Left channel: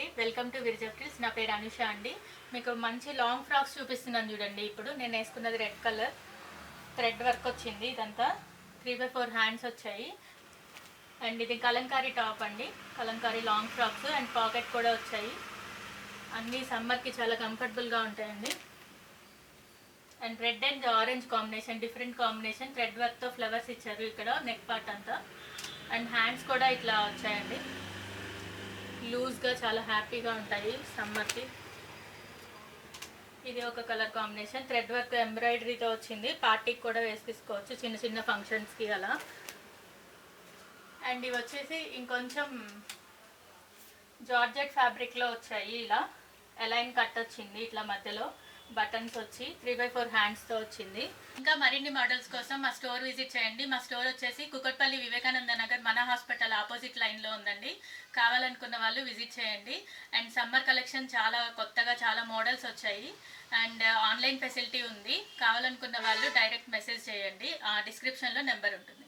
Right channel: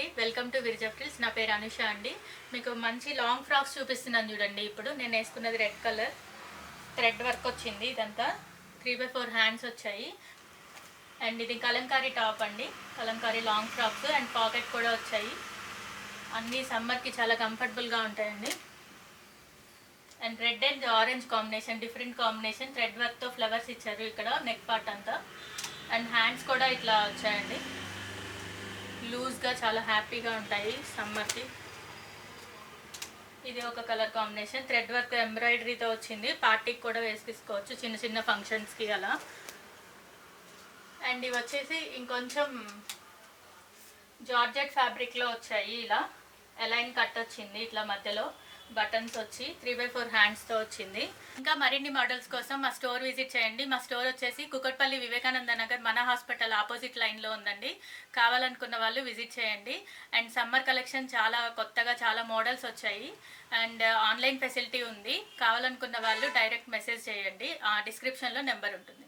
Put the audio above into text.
అండి, welcome to విరిజప్టిల్స్. నా పేరు అనుష అండి. మీకు మంచి లాంగ్ ఫ్రాక్స్ చూపిస్తున్నాను చూడండి. ఇప్పుడు నేను వేసుకున్నది రెడ్ కలర్ థ్రెడ్ వర్క్ వచ్చింది. ఇదంతా 3/4 హ్యాండ్స్ వచ్చాయి. అండ్ ఇది కలంకారీ టాప్ అండి, Kalamkari long frocks and pocket కూడా వచ్చాయి. అన్నీ సమ్మర్కి చాలా కంఫర్టబుల్గా ఉంటాయండి. And red and orange combination, different combination. Thread వర్క్తో ఫ్లవర్స్ ఇచ్చారు ఇక్కడ నెక్ పార్ట్ అంతా. అండ్ హ్యాండ్స్ కూడా ఇట్లా వచ్చాయండి, లూజ్గా చాలా హ్యాపీగా ఉంటాయి సమ్మర్కి. ఇది ఒక కలర్ కాంబినేషన్, థ్రెడ్ వర్క్ ఎంబ్రాయిడరీతో వచ్చింది. పార్టీకి కూడా వేసుకోవచ్చు, చిన్న చిన్న ఫంక్షన్స్కి అలా. అండ్ ఇవి వచ్చేసి ఇంకొంచెం జార్జెట్ ఫ్యాబ్రిక్లో వచ్చాయి. ఇలా అలైన్ కట్ వచ్చింది, ఇట్లా మధ్యలో బటన్స్ వచ్చి 3/4 హ్యాండ్స్తో వచ్చింది. ఇంకా మరిన్ని మోడల్స్ కోసం మా స్టోర్ విజిట్ చేయండి. మా స్టోర్ వచ్చేసి కుకట్పల్లి వివేకానంద నగర్ మన హాస్పిటల్ ఆపోజిట్ లైన్లో ఉందండి. కావాలనుకున్న వాళ్ళు విజిట్ చేయండి. అండ్ సమ్మర్ కలెక్షన్ చాలా కొత్తగా చాలా మోడల్స్ వచ్చాయి. అండ్ ఆన్లైన్ ఫెసిలిటీ ఉంది. కావాలనుకున్న వాళ్ళు డైరెక్ట్ మెసేజ్ చేయండి, డిస్క్రిప్షన్లో నెంబర్ ఉంటుంది.